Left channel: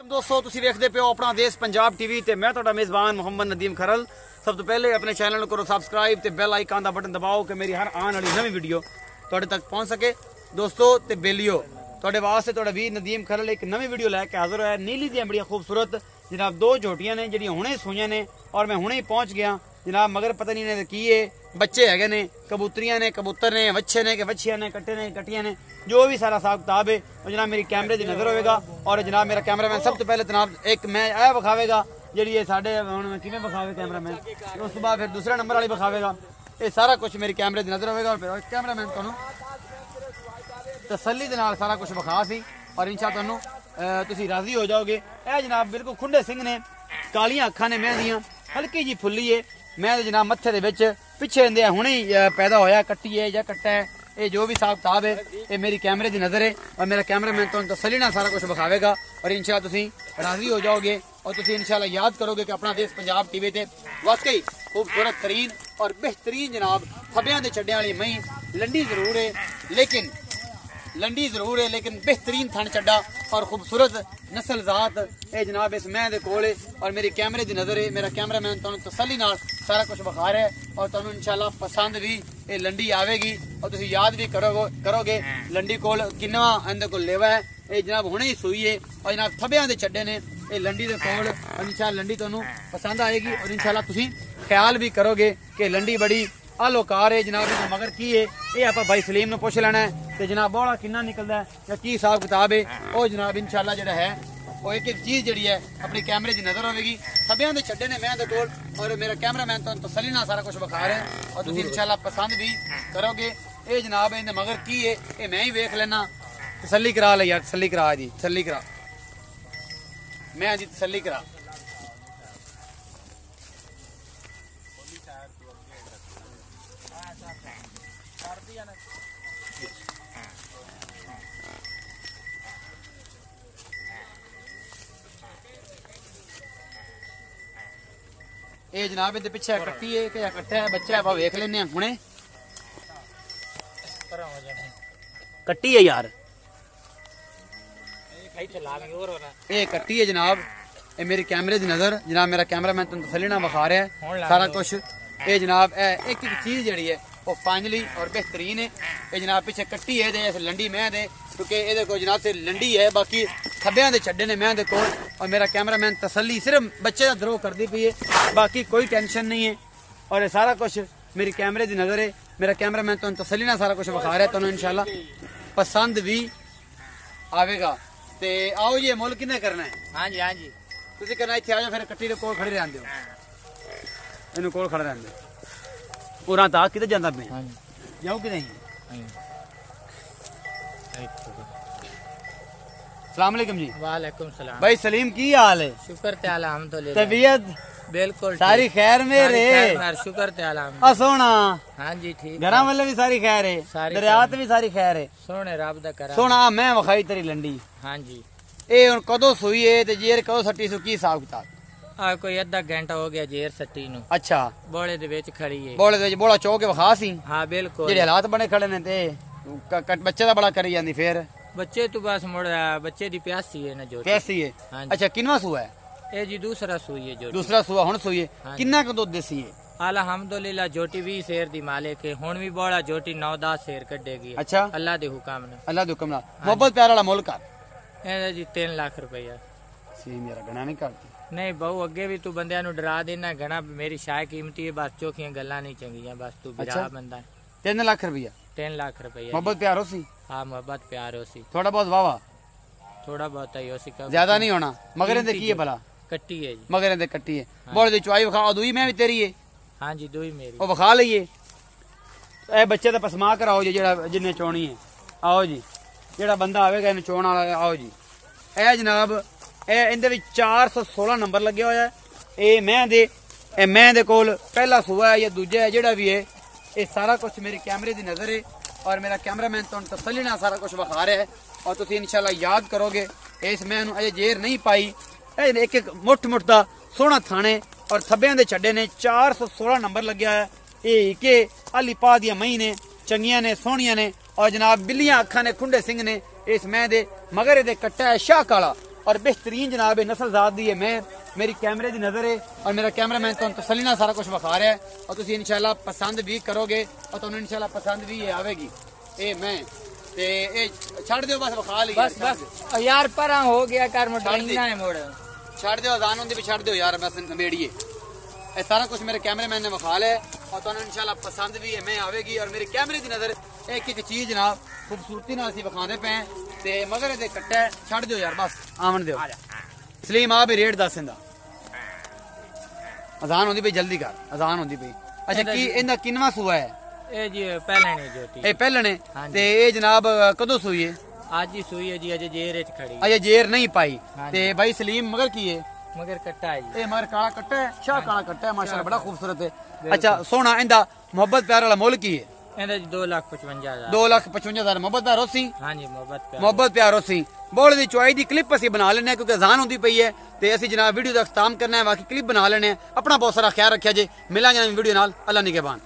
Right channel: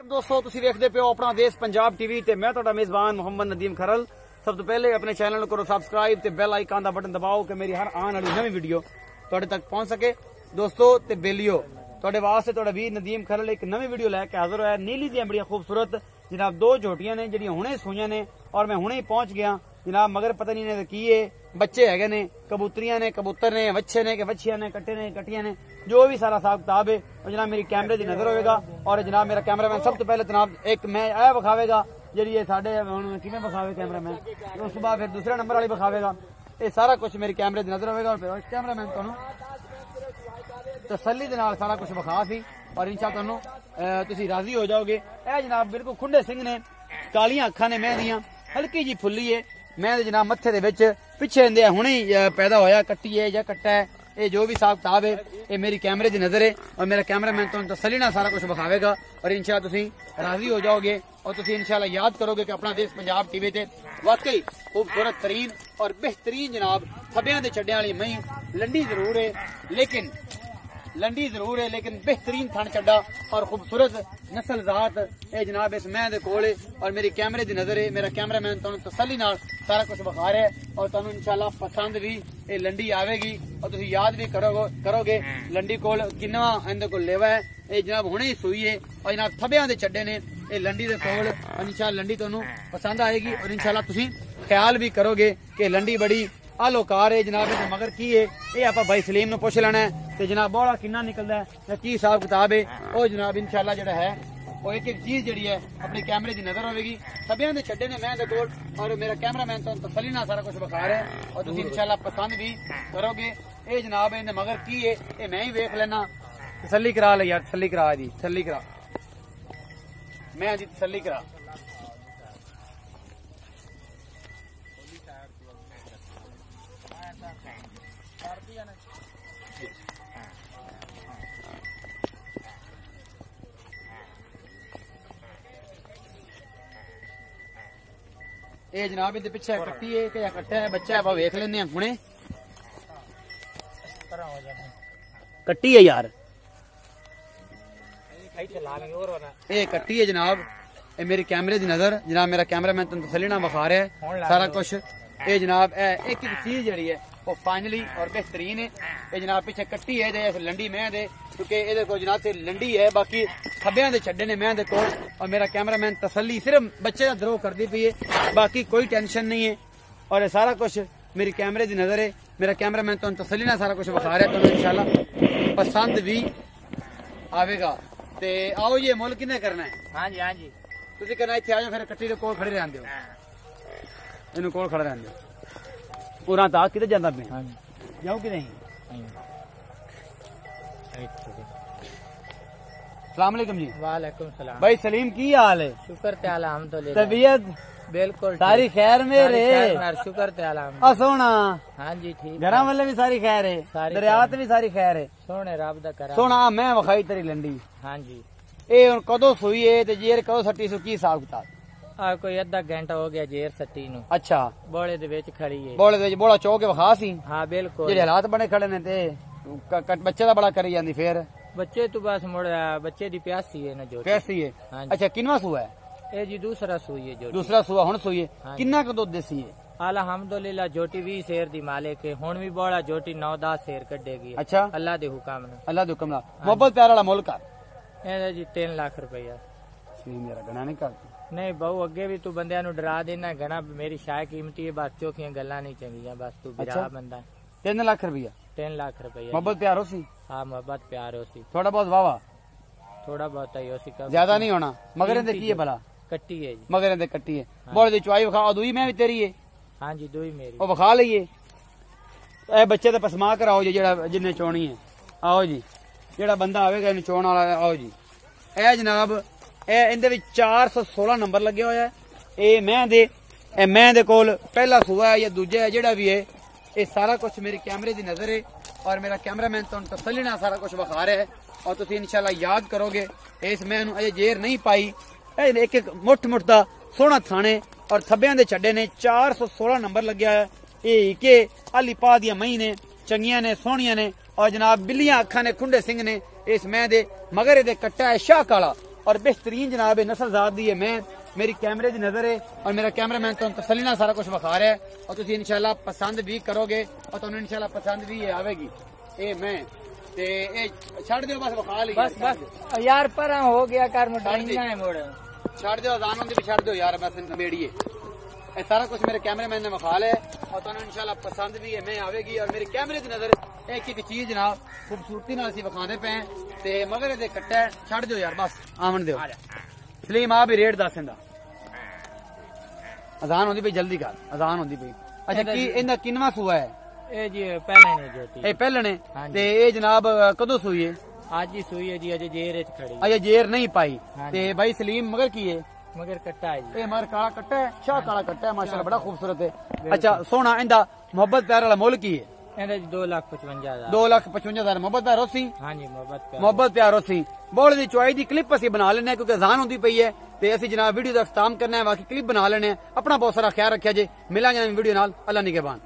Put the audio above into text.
दोस्तों तुसी वेखदे पे हो अपना देश पंजाब टीवी ते मैं तुहाडा मेज़बान मोहम्मद नदीम खरल। सब तो पहले अपने चैनल करो सब्सक्राइब ते बेल आइकन का बटन दबाओ कि मेरी हर आने वाली नवी वीडियो तुहाडे तक पहुंच सके। दोस्तों ते बेलियो तुहाडे वास्ते तुहाडा वीर नदीम खरल एक नवी वीडियो लैके हाजिर है। नीली दी बड़ी खूबसूरत जनाब दो झोटियां ने जिहड़ियां हुणे सूईयां ने और मैं हुणे ही पहुंच गया जनाब, मगर पता नहीं ने की है बच्चे है ने, कबूतरियां ने, कबूतर ने, वच्छे ने, वच्छियां ने, कट्टे ने, कटियां ने, जो भी सारा हिसाब किताब है और जनाब मेरी कैमरे की नजर होगा। और जनाब मेरा कैमरामैन सब तो पहले जनाब एक मैं यह विखावेगा जी ये साढ़े किमें विखावे कैमरामैन, उस बाद फिर दूसरा नंबर वाली विखावेगा। ये सारा कुछ मेरी कैमरे की नजर होगा और फिर कैमरामैन तुहानू तसल्ली दे नाल सारा कुछ विखा सी और इंशाअल्लाह तुहानू तुसी राजी हो जाओगे। यह जनाब बिल्कुल खुंडे सिंह ने, कालियां अखां ने मैं दियां, हल्की जी फुल्ली है मैं जनाब मत्थे दे विच पिछे रहिंदे हुणे ही पैदा होया, कट्टी है या कट्टा है, ये जो भी हिसाब किताब है ये मेरी कैमरे की नजर है और मेरा कैमरामैन तुहानू तसल्ली नाल सारा कुछ विखावेगा और इंशाअल्लाह तुसी राजी हो जाओगे और तुसी इंशाअल्लाह याद करोगे कि अपना देश पंजाब टीवी ते वाकई खूबसूरत तरीन और बेहतरीन जनाब थब्बियां दे चड्डियां वाली मई लंडी जरूर है लेकिन बेहतरीन थन चड्डा और खूबसूरत नस्ल जात ये जनाब इस मैं दे कोल है और मेरी कैमरे की नजर है। मेरा कैमरामैन तुहानू तसल्ली नाल सारा कुछ विखा रहा है और तुहानू इंशाअल्लाह पसंद भी ये लंडी आवेगी और तुसी याद भी करोगे लंडी कोल किन्ना इंदे कोल लेवा है। ये जनाब हुणे ही सूई है और जनाब थब्बियां दे चड्डे ने ये लंडी दे कोल और इंशाअल्लाह लंडी तुहानू पसंद आएगी और इंशाअल्लाह तुसी ख्याल भी करोगे कि लंडी बड़ी आलोकार है जनाब। मगर की है ये आप भाई सलीम ने पुछ लेना है कि जनाब बोला किन्ना निकलता है या की हिसाब किताब है वो जनाब इंशाअल्लाह जिहड़ा है वो एक एक चीज जी है अपनी कैमरे की नजर होगी। सबियां दे छड्डे ने मैं दे कोल और मेरा कैमरामैन तो तसल्ली नाल सारा कुछ विखा रहा है और तुसीं इंशाअल्लाह पसंद भी करोगे। ये जनाब इहदे मगर की है ये मैं ही वेख लेना, तसल्ली करा ले यार, तसल्ली करा जी, तसल्ली करा, मैं जी तसल्ली करा। ये जनाब इहदे पिछे कट्टी है कि कट्टा है बच्चा है वेख लेने हुणे। कट्टी है यार, ये कट्टी है जनाब, ये मेरी कैमरे की नजर जनाब मेरा कैमरामैन तुहानू तसल्ली नाल विखा रहा है सारा कुछ। ये जनाब एक एक चीज जिहड़ी है वो फाइनली और बेहतरीन है। ये जनाब पिछे कट्टी है दे लंडी मैं दे क्योंकि ये जनाब से लंडी है, बाकी थब्बियां दे छड्डे ने मैं दे कोल और मेरा कैमरामैन तसल्ली सिर्फ बच्चे का द्रोह करती पई है, बाकी कोई टेंशन नहीं है और ये सारा कुछ मेरी कैमरे की नजर है। मेरा कैमरामैन तो तसल्ली नाल सारा कुछ विखा रहा है, तुहानू इंशाअल्लाह पसंद भी आवेगा। ते आओ जी मुल किन्ने करना है? हाँ जी हाँ जी तुसीं करना इत्थे आ जाओ, फिर कट्टी दे कोल खड़े रहंदे हो, इन्हू कोल खड़े रहंदे पूरा ता किते जांदा पे जाओ कि नहीं? अस्सलाम वालेकुम जी। वालेकुम सलाम भाई सलीम की हाल है? शुक्र ते अल्हम्दुलिल्लाह, तबीयत बिल्कुल सारी खैर मेरे शुक्र ते अल्हम्दुलिल्लाह। सोना हाँ जी ठीक, घरा वाले भी सारी खैर है, दरियात भी सारी खैर है, सोने रब दा करा। सोना मैं विखाई तेरी लंडी हाँ जी, ये हुण कदों सूई है ते जेर कदों सट्टी सु की हिसाब किताब? कोई अद्धा घंटा हो गया जेर सट्टी नू। अच्छा बोले दे विच खड़ी है, बोले दे बोला चो के विखा सी। हाँ बिल्कुल, जेडे हालात बने खड़े ने ते बच्चे दा बड़ा करी जांदी, फिर बच्चे तो बस मुड़ बच्चे दी प्यासी है ना जो प्यासी है। अच्छा किनवा सुआ है? ए जी दूसरा सुई है, जो दूसरा सुआ हुण सुई है। किन्ना क दुध देसी है? अल्हम्दुलिल्लाह जोटी 20 शेर दी मालिक है, हुण भी बोला जोटी 9-10 शेर कड्डेगी। अच्छा अल्लाह दे हुक्म नाल, अल्लाह दे हुक्म नाल। मोहब्बत प्यार वाला मुल्क है जी 3 लाख रुपया। सी मेरा गणा नहीं करती नहीं बहु, अगे भी तू बंदियां नू डरा देना गणा, मेरी शाय कीमती है, बस चोखियां गल्लां नहीं चंगियां, बस तू बिरा बंदा है। 3 लाख रुपया? 3 लाख रुपया। मोहब्बत प्यार हो सी? हाँ मोहब्बत प्यार हो सी, थोड़ा बहुत वावा थोड़ा बहुत ही हो सी, ज्यादा नहीं होना। मगर इहदे की है भला? कट्टी है जी, मगर इहदे कट्टी है। बोल दी चुआई विखा, दुई मैं भी तेरी है? हाँ जी दुई मेरी। ओ विखा लईए ए बच्चे दा पसमा कराओ जी जेड़ा जिन्ने चोनी है। आओ जी जेड़ा बंदा आवेगा इन्हें चोण वाला, आओ जी। ए जनाब इहदे विच 416 नंबर लगे होया है। ए मैं दे कोल पहला सूआ है या दूजा है जेड़ा भी है, ये सारा कुछ मेरे कैमरे की नजर है और मेरा कैमरामैन तो तसल्ली नाल सारा कुछ विखा रहा है और तुसीं इंशाअल्लाह याद करोगे। इस मैं अजे जेर नहीं पाई, एक एक मुठ दा सोहना थाने और थब्बियां दे छड्डे ने 416 नंबर लग्या है। ये के अली पा दियां मई ने, चंगियां ने, सोहनियां ने और जनाब बिल्लियां अखां ने, खुंडे सिंह ने। इस मैं दे मगर दे कट्टा है शाह काला और बेहतरीन जनाब नस्ल जात दी है। मैं मेरी कैमरे की नजर है और मेरा कैमरामैन तो तसल्ली नाल सारा कुछ विखा रहा है और तुम इंशाल्लाह पसंद भी करोगे और तुम इंशाल्लाह पसंद भी आवेगी। ए मैं ते ए छड़ दो बस विखा ली बस बस यार पर हो गया कर मोड़ना है मोड़ छड़ दो अजान होंदी भी छड़ दो यार बस मेड़िए। ये सारा कुछ मेरे कैमरामैन ने विखा लिया और तुम इंशाल्लाह पसंद भी है मैं आवेगी और मेरे कैमरे की नजर एक एक चीज जनाब खूबसूरती नाल असीं विखांदे पे ते मगर दे कट्टा छड़ दो यार बस आवन दो। सलीम आ भी रेट दस इंदा अजान होंदी पई जल्दी कर अजान होंदी पई। अच्छा की इंदा किनवा सूआ है? ए जी पहले ने जोटी ए पहले ने ते ए जनाब कदों सूई है? आज ही सूई है जी अजे जेर च खड़ी अजे जेर नहीं पाई ते भाई सलीम मगर की है? मगर कट्टा है जी। ए मगर काला कट्टा है शाह काला कट्टा है माशाल्लाह बड़ा खूबसूरत है। अच्छा सोना इंदा मोहब्बत प्यार वाला मुल की है? इंदा 2,55,000 2,55,000 मोहब्बत प्यार होसी। हां जी मोहब्बत प्यार होसी। बोल दी चुआई दी क्लिप असी बना लेने क्योंकि अजान होंदी पई है ते असी जनाब वीडियो दा इख्तिताम करना है बाकी क्लिप बना लेने। अपना बहुत सारा ख्याल रखिया जे मिलांगे वीडियो नाल अल्लाह निगहबान।